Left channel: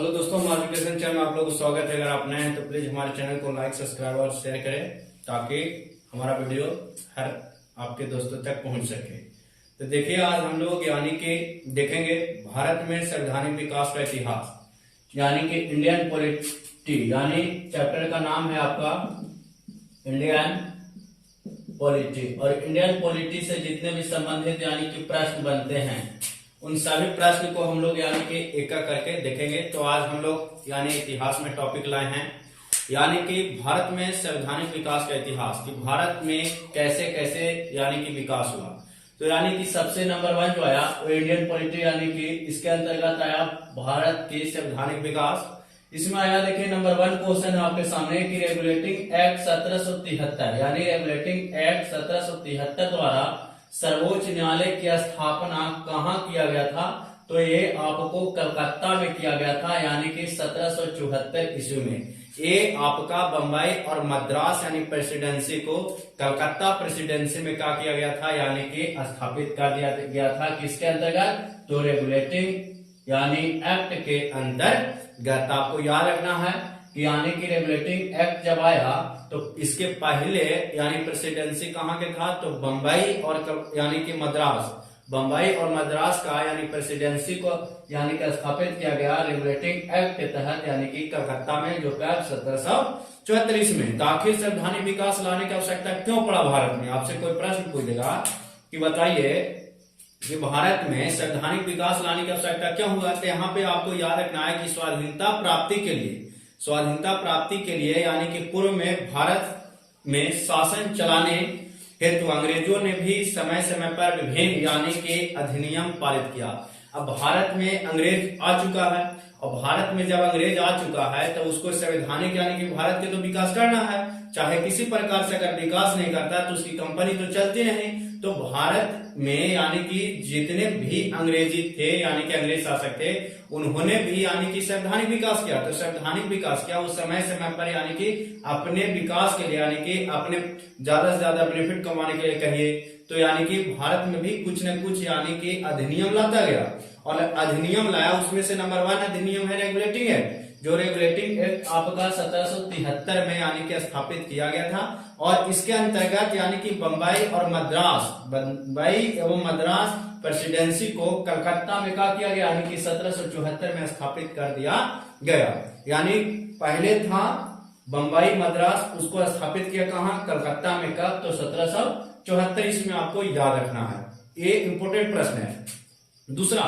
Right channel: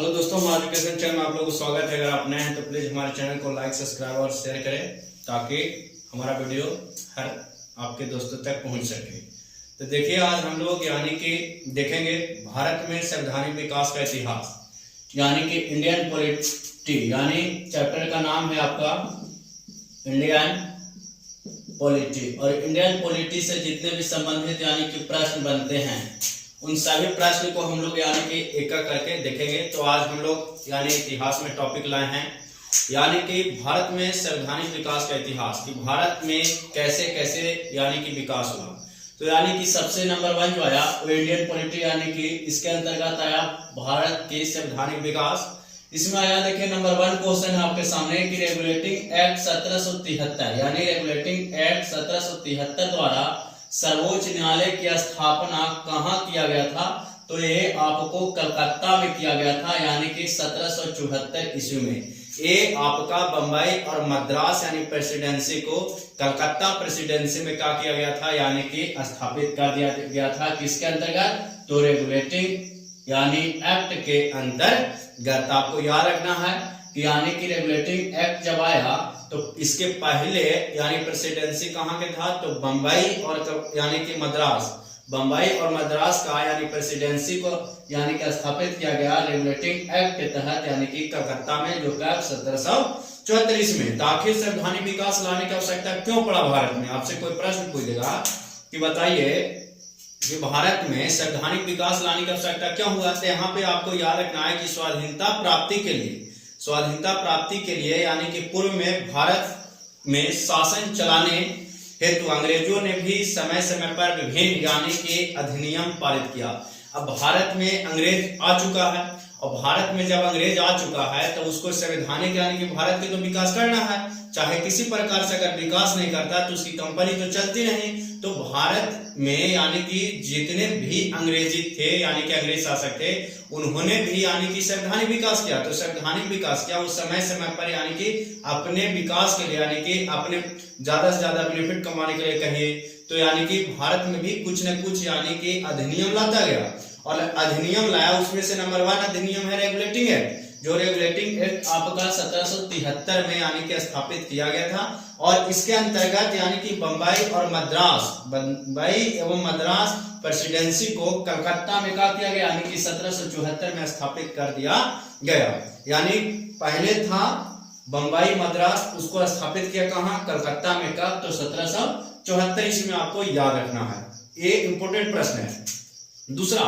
Hello दोस्तों, हमारे education channel में आप लोगों को स्वागत है। अगर आप नए हैं तो प्लीज हमारे चैनल को लाइक, सब्सक्राइब और शेयर करें ताकि हमारा वीडियो हर आपके दोस्तों तक पहुंच सके। तो देखिए, आज हम लोग यानी कि देखेंगे भारत में संवैधानिक विकास का इतिहास, यानी कि इंडियन पॉलिटी, यानी चैप्टर का नाम है आपका इंडियन पॉलिटी। और इंडियन पॉलिटी से जितने भी संबंधित यानी कि प्रश्न बनते हैं उन सभी प्रश्न को हम लोग यानी कि एक एक करके देखेंगे। तो आज हम लोग यानी इतिहास में टॉपिक लाए हैं, यानी कि भारत में संवैधानिक विकास का इतिहास, कि भारत में कैसे कैसे यानी कि विकास हुआ। तो यानी कि सबसे नंबर 1 जो आया वो इंडियन पॉलिटी, यानी कि इसके अंतर्गत आया भारत के संवैधानिक विकास। इसमें आया, देखिए नंबर 1 क्वेश्चन है आपके सामने कि रेगुलेटिंग एक्ट 1773, यानी रेगुलेटिंग एक्ट 1773 द्वारा सर्वोच्च न्यायालय की स्थापना कहाँ किया गया था? तो ये आपको कलकत्ता में किया गया था, यानी कि 1774 ईस्वी में। ये आपका बंबई और मद्रास यानी प्रेसिडेंसी को कलकत्ता प्रेसिडेंसी में क्या किया गया था, यानी कि स्थापित कर दिया गया था। किसके अंतर्गत? तो रेगुलेटिंग यानी एक्ट के अंतर्गत। आपको याद रखना है कि यानी कि रेगुलेटिंग एक्ट जब आया तो इसके पहले यानी प्रेसिडेंसी कहाँ के था? तो बंबई और यानी कि मद्रास, बंबई और मद्रास का यानी प्रेसिडेंसी को यानी कि स्थापित किया गया रेगुलेटिंग एक्ट के तहत, यानी कि कलकत्ता में, जो कि 1734 में। तो आखिर संवैधानिक विकास लाने की आवश्यकता क्यों पड़ा भारत में? आपसे कोई प्रश्न पूछेगा कि बताइए कि भारत में संवैधानिक विकास लाने की आवश्यकता क्यों हुआ, तो यहाँ पे आपको याद रखना है कि स्वाधीनता प्राप्ति के लिए यानी कि पूर्व में भारत में शासन चलाने हेतु अंग्रेजों ने भी समय समय पर विभिन्न यानी कि अधिनियम पारित किया। अब भारत में अंग्रेज आ चुका है, और भारत में जब अंग्रेज आ चुका है तो उसको संवैधानिक यानी कि भारत के तो विकास करना है। चाहे किसी प्रकार से अगर विकास नहीं करता तो उसकी कंपनी तो चलती नहीं। तो भारत में यानी कि जितने भी अंग्रेजी थे यानी कि अंग्रेज शासक थे, उन्होंने भी यानी कि संवैधानिक विकास किया। तो संवैधानिक विकास किया उस समय समय पर, यानी कि अपने विकास के लिए, यानी कि अपने ज्यादा से ज्यादा बेनिफिट कमाने के लिए कहिए, तो यानी कि भारत में भी कुछ न कुछ यानी कि अधिनियम लाता गया। और अधिनियम लाया, उसमें से नंबर 1 अधिनियम है रेगुलेटिंग एक्ट, जो रेगुलेटिंग एक्ट आपका 1773 में यानी कि स्थापित किया गया था। और इसके अंतर्गत यानी कि बंबई एवं मद्रास प्रेसिडेंसी को कलकत्ता में क्या किया गया, यानी कि 1774 में स्थापित कर दिया गया। यानी पहले था बंबई मद्रास, उसको स्थापित किया कहाँ? कलकत्ता में। कब? तो 1774 इसमें आपको याद रखना है, ये इंपोर्टेंट प्रश्न है। दूसरा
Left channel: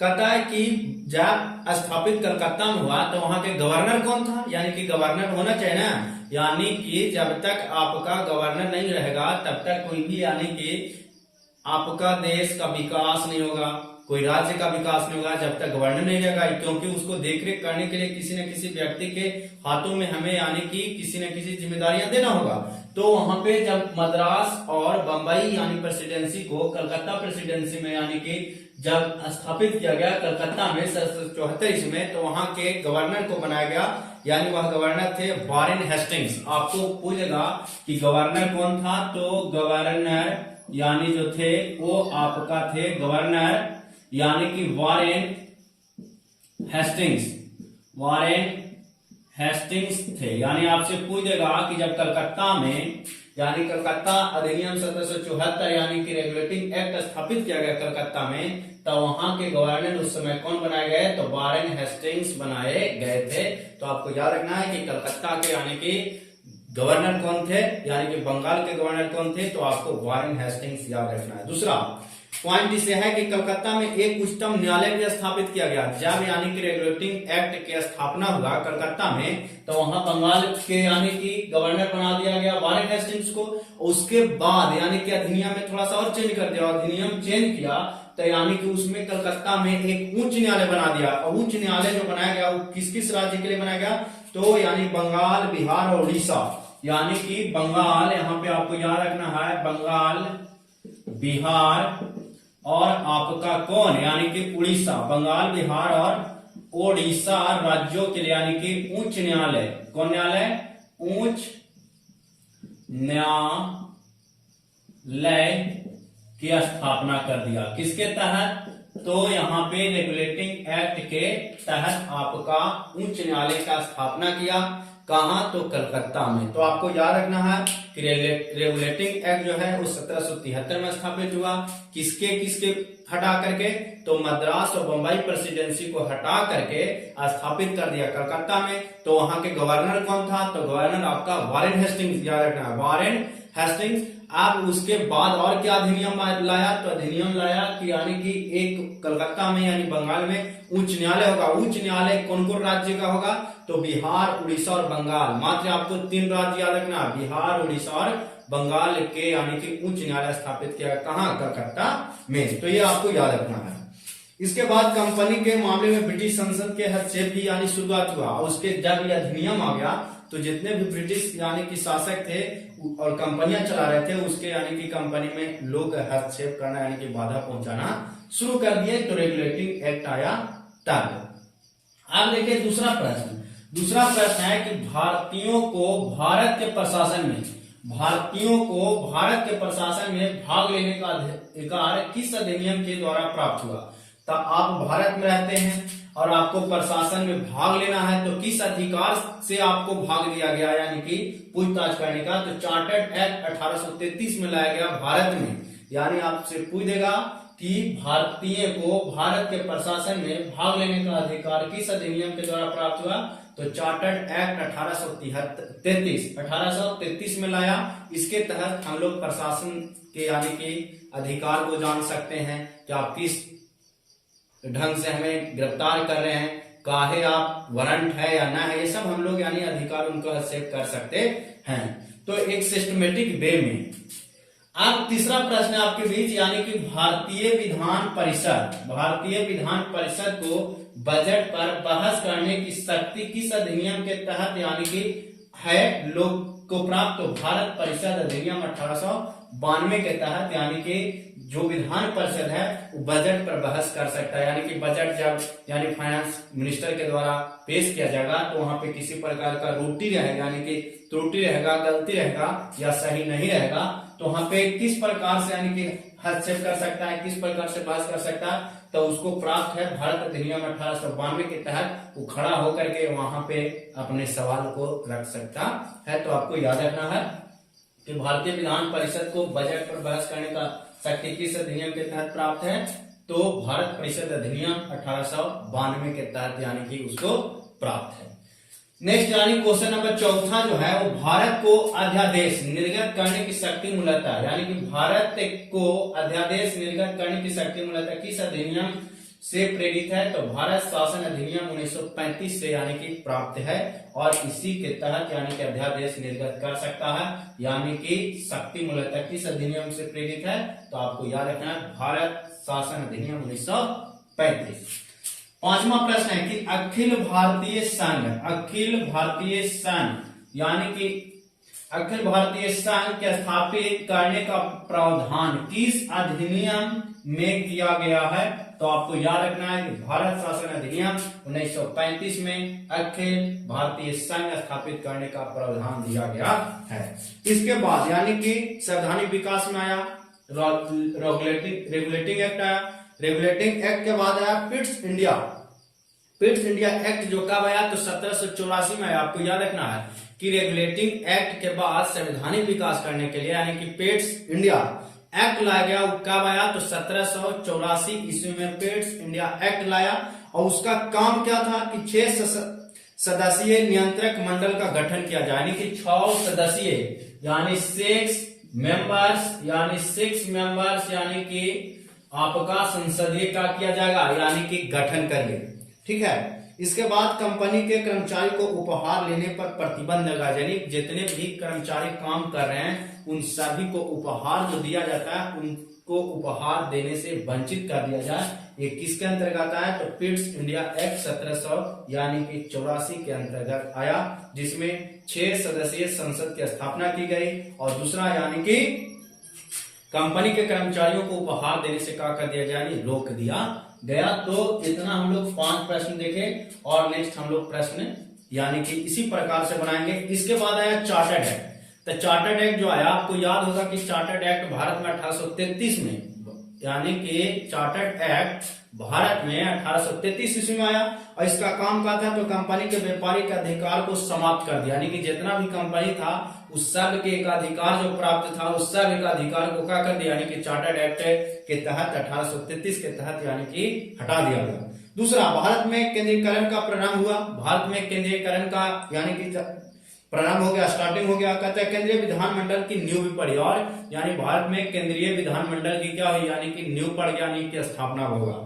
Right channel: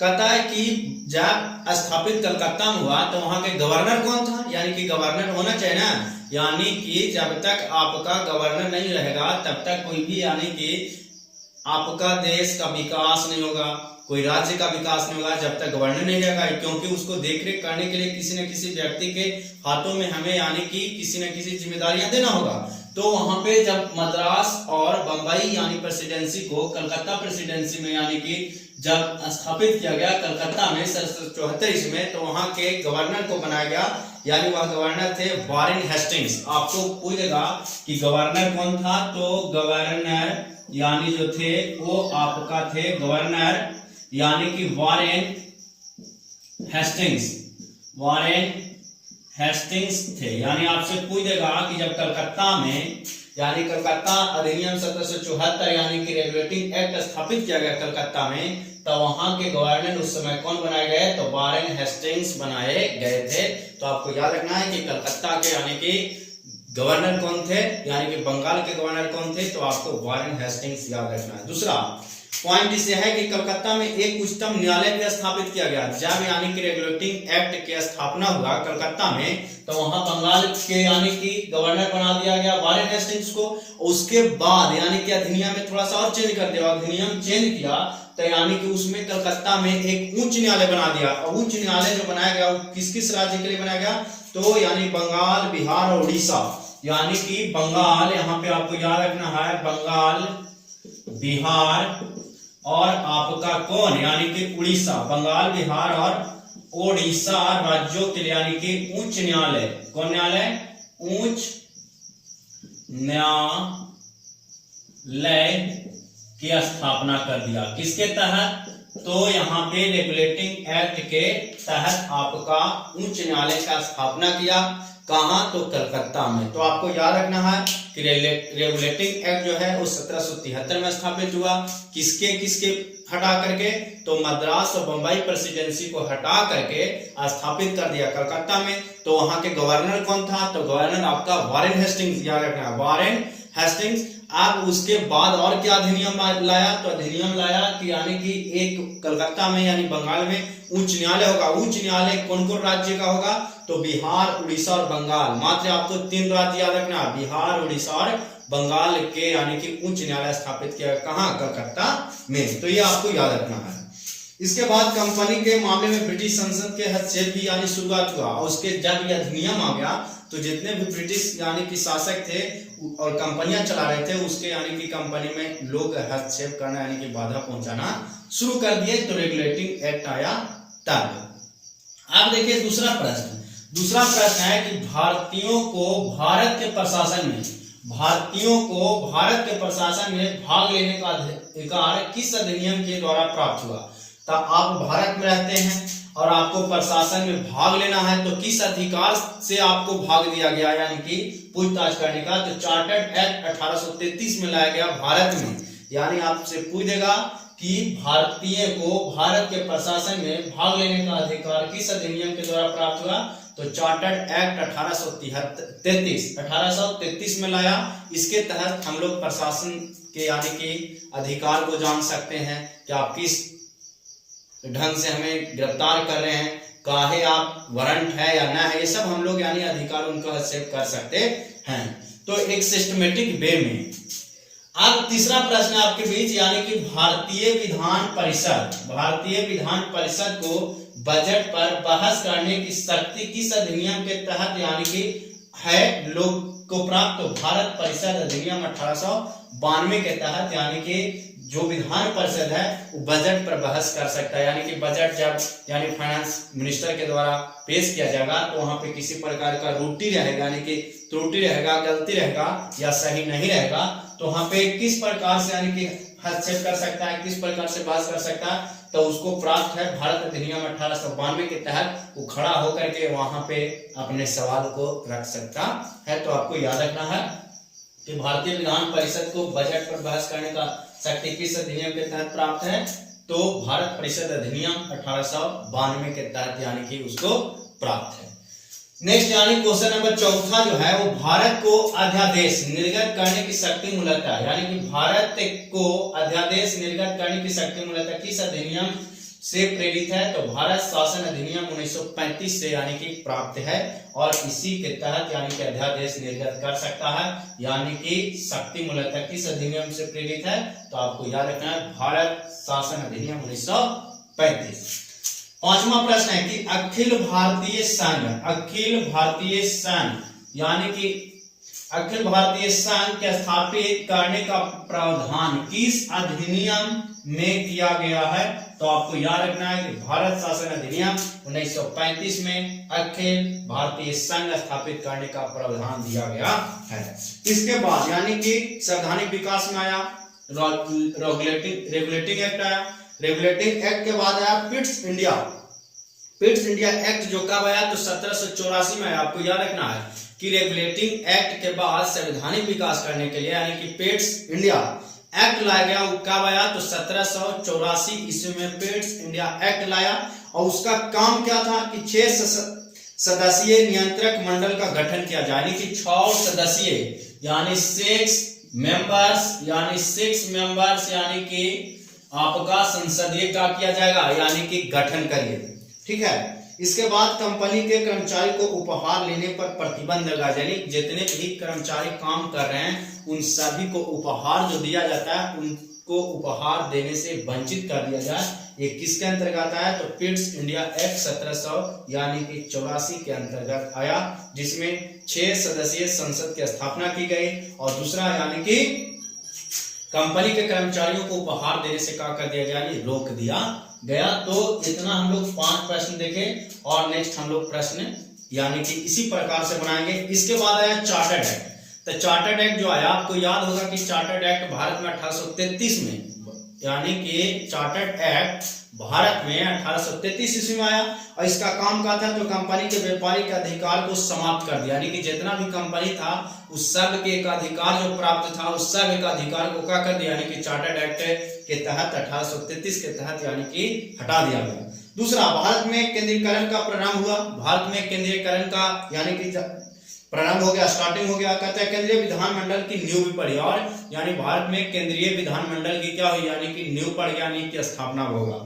कहता है कि जब स्थापित कलकत्ता में हुआ तो वहां के गवर्नर कौन था? यानी कि गवर्नर होना चाहिए ना, यानी कि जब तक आपका गवर्नर नहीं रहेगा तब तक कोई भी यानी कि आपका देश का विकास नहीं होगा, कोई राज्य का विकास नहीं होगा जब तक गवर्नर नहीं रहेगा। क्योंकि उसको देखरेख करने के लिए किसी न किसी व्यक्ति के हाथों में हमें यानी कि किसी न किसी जिम्मेदारियां देना होगा। तो वहां पे जब मद्रास और बंबई यानी प्रेसिडेंसी को कलकत्ता प्रेसिडेंसी में यानी कि जब स्थापित किया गया कलकत्ता में 1774 में, तो वहां के गवर्नर को बनाया गया, यानी वह गवर्नर थे वारेन हेस्टिंग्स। आपको पूछेगा कि गवर्नर कौन था? तो गवर्नर यानी जो थे वो आपका थे गवर्नर यानी कि वारेन हेस्टिंग्स थे। यानी आपसे पूछ देगा कि जब कलकत्ता में यानी कलकत्ता अधिनियम 1774 यानी कि रेगुलेटिंग एक्ट स्थापित किया गया कलकत्ता में, तो वहां के गवर्नर उस समय कौन बनाए गए? तो वारेन हेस्टिंग्स बनाए गए थे। तो आपको याद रखना है कि कलकत्ता के यानी कि गवर्नर कौन थे, यानी कि बंगाल के गवर्नर कौन थे? तो आपको वारेन हेस्टिंग्स याद रखना है। दूसरा पॉइंट इसे है कि कलकत्ता में एक उच्चतम न्यायालय भी स्थापित किया गया। जब यानी कि रेगुलेटिंग एक्ट की स्थापना हुआ कलकत्ता में, तो वहां बंगाल के यानी कि गवर्नर बना दिया गया वारेन हेस्टिंग्स को। उसके बाद यानी कि अधिनियम में थोड़ा सा और चेंज कर दिया, अधिनियम चेंज किया तो यानी कि उसमें कलकत्ता में एक उच्च न्यायालय बना दिया। और उच्च न्यायालय जो बनाया गया वो किस किस राज्य के लिए बनाया गया? तो यानी बंगाल, बिहार और उड़ीसा, यानी कि बंगाल, यहाँ पे आपको याद रखना है बंगाल, बिहार और आपका कौन? यानी कि उड़ीसा। बंगाल, बिहार और उड़ीसा राज्यों के लिए यानी कि उच्च न्यायालय, कौन न्यायालय? उच्च न्यायालय की स्थापना कर दिया। किसके तहत? तो यहाँ पे रेगुलेटिंग एक्ट के तहत आपका उच्च न्यायालय का स्थापना किया। कहाँ? तो कलकत्ता में। तो आपको याद रखना है कि रेगुलेटिंग एक्ट जो है वो 1773 में स्थापित हुआ। किसके किसके हटा करके? तो मद्रास और बंबई प्रेसिडेंसी को हटा करके स्थापित कर दिया कलकत्ता में। तो वहां के गवर्नर कौन था? तो गवर्नर आपका वारेन हेस्टिंग्स, याद रखना है, वारेन हेस्टिंग्स। अब उसके बाद और क्या अधिनियम लाया? तो अधिनियम लाया कि यानी कि एक कलकत्ता में यानी बंगाल में उच्च न्यायालय होगा। उच्च न्यायालय कौन कौन राज्य का होगा? तो बिहार, उड़ीसा और बंगाल। मात्र आपको 3 राज्य याद रखना, बिहार, उड़ीसा और बंगाल के यानी कि उच्च न्यायालय स्थापित किया। कहां? कलकत्ता में। तो ये आपको याद रखना है। इसके बाद कंपनी के मामले में ब्रिटिश संसद के हस्तक्षेप की यानी शुरुआत हुआ। और उसके जब यह अधिनियम आ गया तो जितने भी ब्रिटिश यानी कि शासक थे और कंपनियां चला रहे थे उसके यानी कि कंपनी में लोग हस्तक्षेप करना यानी कि बाधा पहुंचाना शुरू कर दिए। तो रेगुलेटिंग एक्ट आया तब। अब देखिए दूसरा प्रश्न है कि भारतीयों को भारत के प्रशासन में भाग लेने का अधिकार किस अधिनियम के द्वारा प्राप्त हुआ? तो आप भारत में रहते हैं और आपको प्रशासन में भाग लेना है, तो किस अधिकार से आपको भाग दिया गया यानी कि पूछताछ करने का? तो चार्टर्ड एक्ट 1833 में लाया गया भारत में। यानी आपसे पूछ देगा कि भारतीय को भारत के प्रशासन में भाग लेने का अधिकार किस अधिनियम के द्वारा प्राप्त हुआ? तो चार्टर्ड एक्ट 1833 में लाया। इसके तहत हम लोग प्रशासन के यानी कि अधिकार को जान सकते हैं कि आप किस ढंग से हमें गिरफ्तार कर रहे हैं, काहे आप वारंट है या ना है, ये सब हम लोग यानी अधिकार उनको हस्तक्षेप कर सकते हैं। तो एक सिस्टमेटिक वे में। अब तीसरा प्रश्न है आपके बीच यानी कि भारतीय विधान परिषद को बजट पर बहस करने की शक्ति किस अधिनियम के तहत यानी कि है लोग को प्राप्त? तो भारत परिषद अधिनियम 1892 के तहत यानी कि जो विधान परिषद है वो बजट पर बहस कर सकता है। यानी कि बजट जब यानी फाइनेंस मिनिस्टर के द्वारा पेश किया जाएगा तो वहां पे किसी प्रकार का त्रुटि रहेगा यानी कि त्रुटि रहेगा, गलती रहेगा या सही नहीं रहेगा, तो वहां पे किस प्रकार से यानी कि हस्तक्षेप कर सकता है, किस प्रकार से बहस कर सकता है? तो उसको प्राप्त है भारत अधिनियम 1892 के तहत वो खड़ा होकर के वहां पे अपने सवाल को रख सकता है। तो आपको याद रखना है कि भारतीय विधान परिषद को बजट पर बहस करने का शक्ति किस अधिनियम के तहत प्राप्त है? तो भारत परिषद अधिनियम 1892 के तहत यानी कि उसको प्राप्त है। नेक्स्ट यानी क्वेश्चन नंबर चौथा जो है वो भारत को अध्यादेश निर्गत करने की शक्ति मूलतः यानी कि भारत को अध्यादेश निर्गत करने की शक्ति मूलतः किस अधिनियम से प्रेरित है? तो भारत शासन अधिनियम 1935 से यानी कि प्राप्त है और इसी के तहत यानी कि अध्यादेश निर्गत कर सकता है। यानी कि शक्ति मूलतः किस अधिनियम से प्रेरित है? तो आपको याद रखना है भारत शासन अधिनियम 1935। पांचवा प्रश्न है कि अखिल भारतीय संघ यानी कि अखिल भारतीय संघ के स्थापित करने का प्रावधान किस अधिनियम में किया गया है? तो आपको याद रखना है कि भारत शासन अधिनियम 1935 में अखिल भारतीय संघ स्थापित करने का प्रावधान दिया गया है। इसके बाद यानी कि संवैधानिक विकास में आया, रेगुलेटिंग एक्ट आया। रेगुलेटिंग एक्ट के बाद आया पिट्स इंडिया एक्ट जो कब आया? तो 1784 में आया। आपको याद रखना है कि रेगुलेटिंग एक्ट के बाद संवैधानिक विकास करने के लिए यानी कि पिट्स इंडिया एक्ट लाया गया। वो कब आया? तो 1784 ईस्वी में पिट्स इंडिया एक्ट लाया और उसका काम क्या था कि 6 सदस्यीय नियंत्रक मंडल का गठन किया जाए यानी कि 6 सदस्यीय यानी 6 मेंबर्स यानी कि आपका संसदीय क्या किया जाएगा यानी कि गठन करिए, ठीक है। इसके बाद कंपनी के कर्मचारी को उपहार लेने पर प्रतिबंध लगा, यानी जितने भी कर्मचारी काम कर रहे हैं उन सभी को उपहार जो दिया जाता है उनको उपहार देने से वंचित कर दिया जाए। ये किसके अंतर्गत आया? तो पिट्स इंडिया एक्ट 1700 यानी कि 84 के अंतर्गत आया, जिसमें 6 सदस्यीय संसद की स्थापना की गई और दूसरा यानी कि कंपनी के कर्मचारियों को उपहार देने से क्या कर दिया गया? रोक दिया गया। तो इतना हम लोग 5 प्रश्न देखे और नेक्स्ट हम लोग प्रश्न यानी कि इसी प्रकार से बनाएंगे। इसके बाद आया चार्टर्ड एक्ट। तो चार्टर्ड एक्ट जो आया आपको याद होगा कि चार्टर्ड एक्ट भारत में 1833 में यानी कि चार्टर्ड एक्ट भारत में 1833 ईस्वी में आया और इसका काम क्या था, तो कंपनी के व्यापारिक अधिकार को समाप्त कर दिया। यानी कि जितना भी कंपनी था उस सब के एक अधिकार जो प्राप्त था उस सब एक अधिकार को क्या कर दिया, यानी कि चार्टर्ड एक्ट के तहत 1833 के तहत यानी कि हटा दिया गया। दूसरा, भारत में केंद्रीकरण का प्रारंभ हुआ। भारत में केंद्रीकरण का यानी कि प्रारंभ हो गया, स्टार्टिंग हो गया। कहते हैं केंद्रीय विधानमंडल की नींव भी पड़ी और यानी भारत में केंद्रीय विधानमंडल की क्या हुई, यानी कि नींव पड़ गया, यानी कि स्थापना होगा।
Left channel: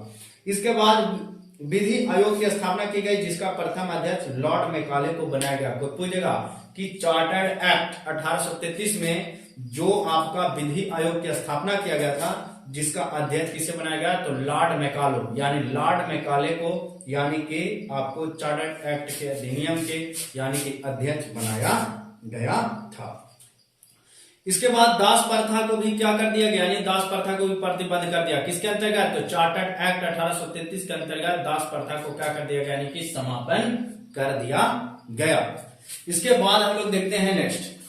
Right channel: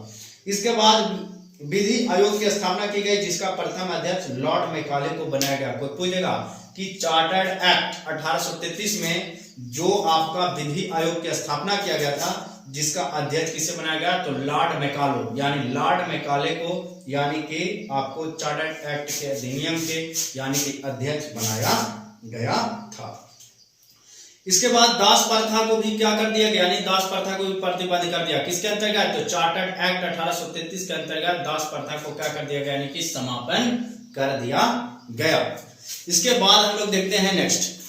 इसके बाद विधि आयोग की स्थापना की गई जिसका प्रथम अध्यक्ष लॉर्ड मैकाले को बनाया गया। कोई पूछेगा कि चार्टर्ड एक्ट 1833 में जो आपका विधि आयोग की स्थापना किया गया था जिसका अध्यक्ष किसे बनाया गया, तो लॉर्ड मैकाले, यानी लॉर्ड मैकाले को यानी कि आपको चार्टर्ड एक्ट के अधिनियम के यानी कि अध्यक्ष बनाया गया था। इसके बाद दास प्रथा को भी क्या कर दिया गया, यानी दास प्रथा को भी प्रतिबंध कर दिया। किसके अंतर्गत, तो चार्टर्ड एक्ट 1833 के अंतर्गत दास प्रथा को क्या कर दिया गया, यानी कि समापन कर दिया गया। इसके बाद हम लोग देखते हैं नेक्स्ट